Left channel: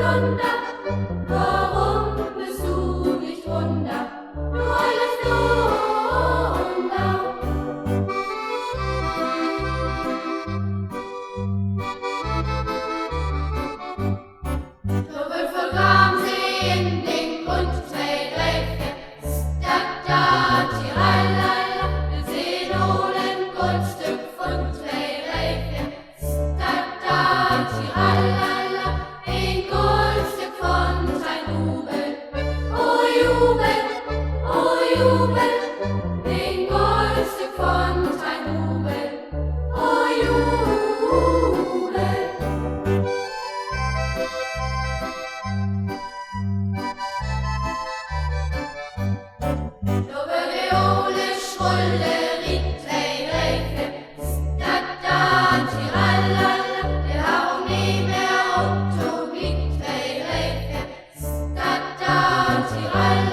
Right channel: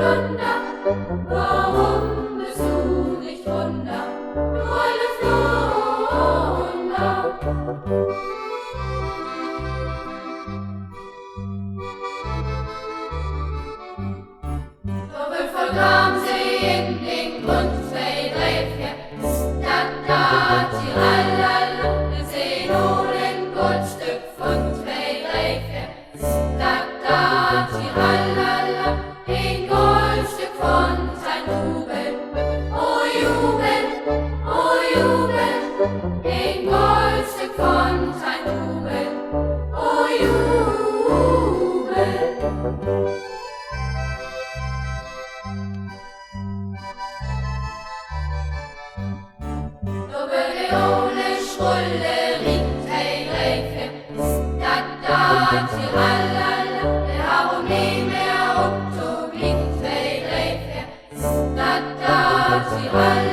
Flunder, warum bist du nicht Wunder, du alte Flunder? So vergraben sie in den Grund, zwei, drei, vier, da, tiralala, wir sehen nur ein Goldstück von zwei, drei, vier, da, tiralala, ein Goldstück von sein Rubel, oh Jubel, ein Goldstück von sein Rubel, oh Jubel. Tiralala, der Harum nie mehr Otto, glitt, Tiralala.